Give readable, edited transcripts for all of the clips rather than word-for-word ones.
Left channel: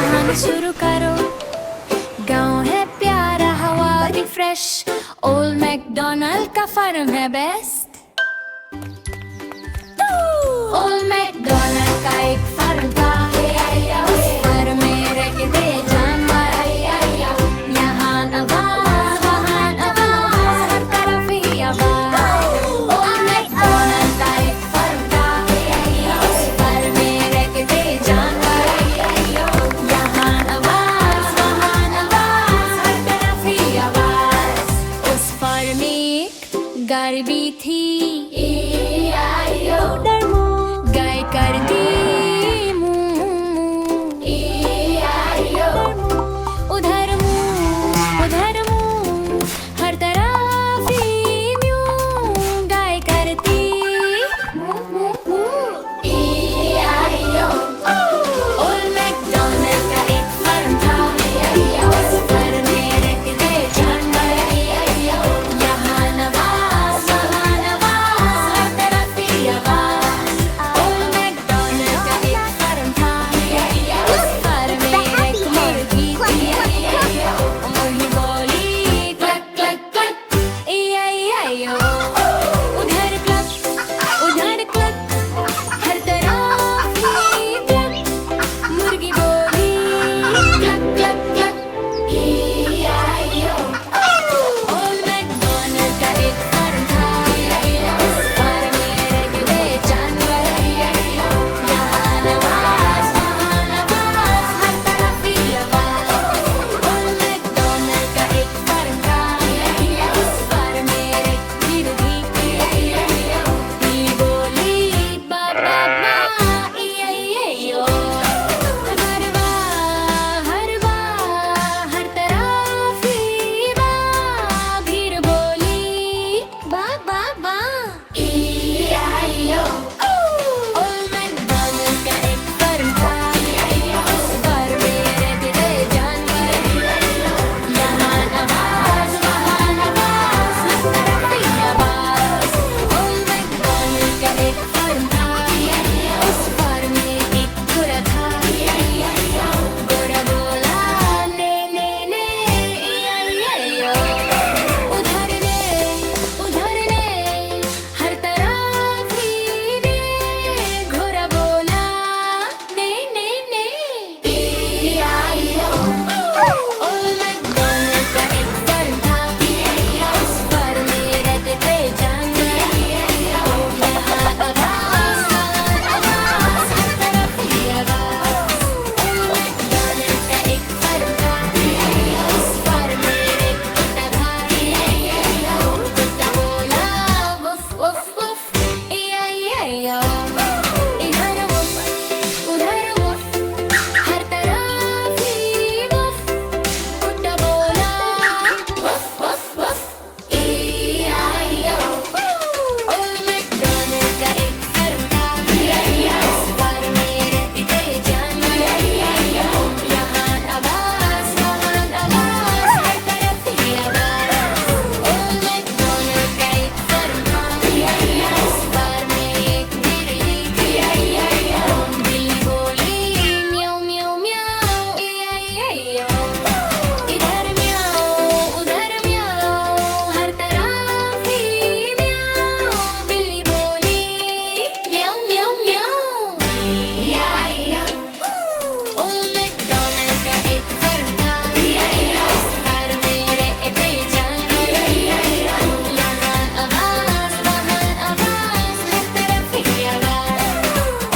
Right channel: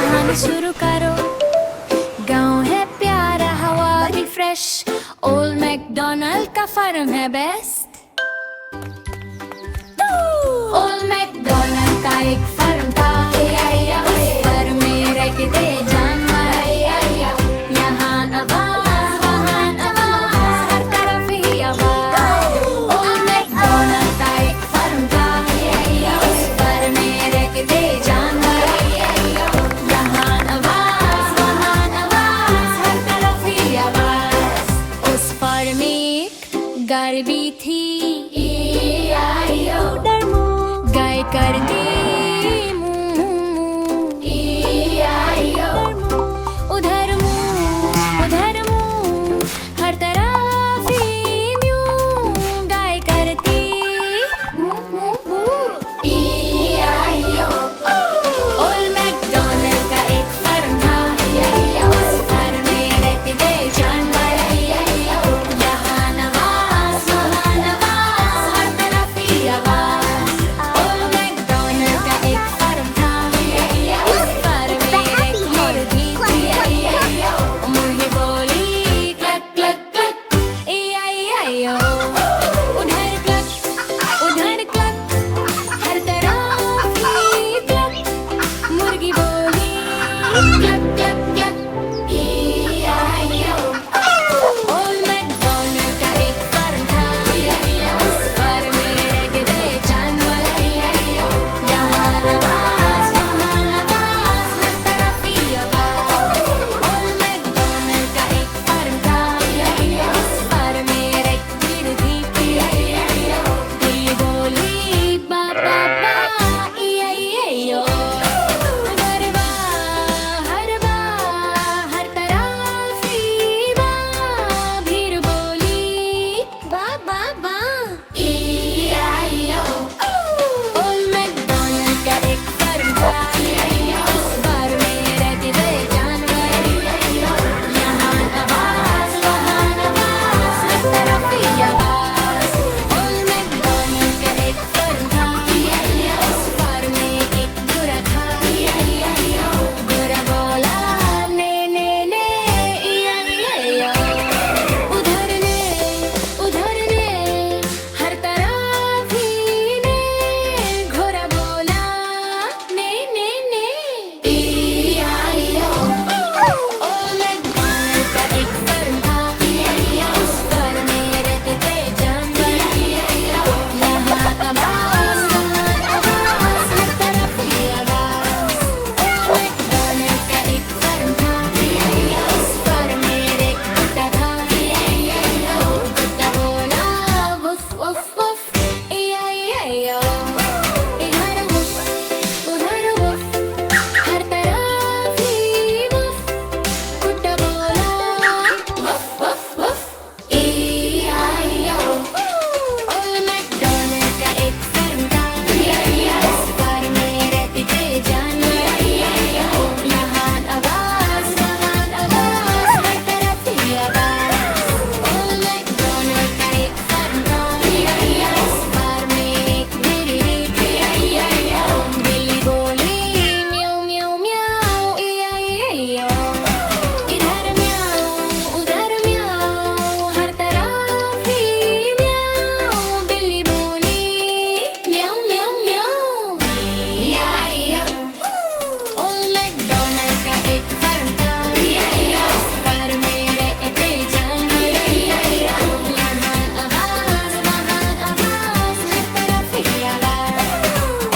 जहान शुरू करो। गाँव है प्यारा, हवा भी फ्रेश, ओल्ड मैकडॉनल्ड का फार्म है बेस्ट। ओल्ड मैकडॉनल्ड का एक फार्म था, उस फार्म में रहते थे जानवर। यहाँ आवाज वहाँ आवाज, हर तरफ ही आवाज। ओल्ड मैकडॉनल्ड का एक फार्म था, उस फार्म में रहते थे जानवर। यहाँ आवाज वहाँ आवाज, हर तरफ ही आवाज। उस फार्म में एक गाय भी थी, गाय करती मू उधर मुँह, हर तरफ ही म्यूं। गाय करती ओल्ड मैकडॉनल्ड का एक फार्म था, उस फार्म में रहते थे जानवर। यहाँ आवाज वहाँ आवाज, हर तरफ ही आवाज। ओल्ड मैकडॉनल्ड का एक फार्म था, उस फार्म में एक मुर्गी थी। मुर्गी बोली क्लक क्लक क्लक, ई-आई-ई-आई-ओ। उधर क्लक उधर क्लक, हर तरफ ही क्लक। मुर्गी बोली cluck cluck cluck, E I O. Old McDonald का एक फार्म था, उस फार्म में रहते थे जानवर। यहाँ आवाज वहाँ आवाज, हर तरफ ही आवाज। ओल्ड मैकडॉनल्ड का एक फार्म था, उस फार्म में एक बिल्ली थी। बिल्ली बोली बा बा बा, ई-आई-ई-आई-ओ। हर तरफ ही बा। भीड़ बोली बा बा बा, ई-आई-ओ। ओल्ड मैकडॉनल्ड का एक फार्म था, उस फार्म में रहते थे जानवर। यहाँ आवाज वहाँ आवाज, हर तरफ ही आवाज। ओल्ड मैकडॉनल्ड का एक फार्म था, उस फार्म में एक घोड़ा था। घोड़ा बोला ने ने ने, ई-आई-ई-आई-ओ। उधर ने, हर तरफ ही ने। घोड़ा बोला ने ने ने, ई-आई-ओ। ओल्ड मैकडॉनल्ड का एक फार्म था, उस फार्म में रहते थे जानवर। यहाँ आवाज वहाँ आवाज, हर तरफ ही आवाज। ओल्ड मैकडॉनल्ड का एक फार्म था, उस फार्म में एक कुत्ता था। कुत्ता बोला वुफ वुफ वुफ, ई-आई-ई-आई-ओ। इधर वुफ उधर वुफ, हर तरफ ही वुफ। कुत्ता बोला woof woof woof, E I O. Old McDonald का एक फार्म था, उस फार्म में रहते थे जानवर। यहाँ आवाज वहाँ आवाज, हर तरफ ही आवाज। ओल्ड मैकडॉनल्ड का एक फार्म था, उस फार्म में एक बिल्ली थी। बिल्ली बोली म्याऊ म्याऊ म्याऊ, ई-आई-ई-आई-ओ। इधर म्याऊ उधर म्याऊ, हर तरफ ही म्याऊ। बिल्ली बोली म्याऊ म्याऊ म्याऊ, ई-आई-ओ। ओल्ड मैकडॉनल्ड का एक फार्म था, उस फार्म में रहते जानवर। यहाँ आवाज वहाँ आवाज, हर तरफ ही आवाज।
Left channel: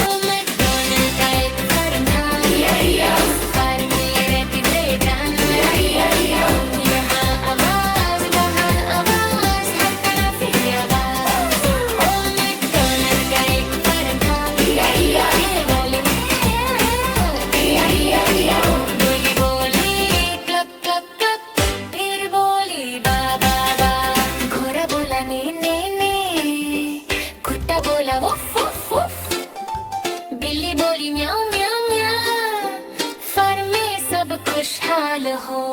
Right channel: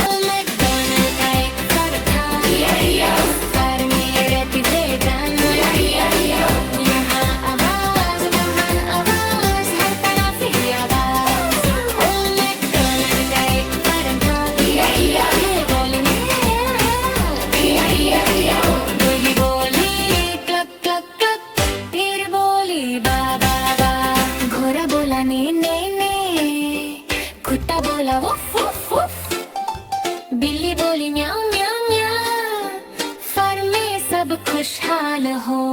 ओल्ड मैकडॉनल्ड का एक फार्म था, उस फार्म में रहते थे जानवर। यहाँ आवाज वहाँ आवाज, हर तरफ ही आवाज। ओल्ड मैकडॉनल्ड का एक फार्म था, ये बोली बिल्ली बोली क्लक क्लक क्लक, फिर बोली बा बा बा। घोड़ा बोला ने ने ने, कुत्ता बोला वुफ वुफ वुफ। बिल्ली बोली म्याऊ म्याऊ म्याऊ। फार्म में सब खुशहाल हो।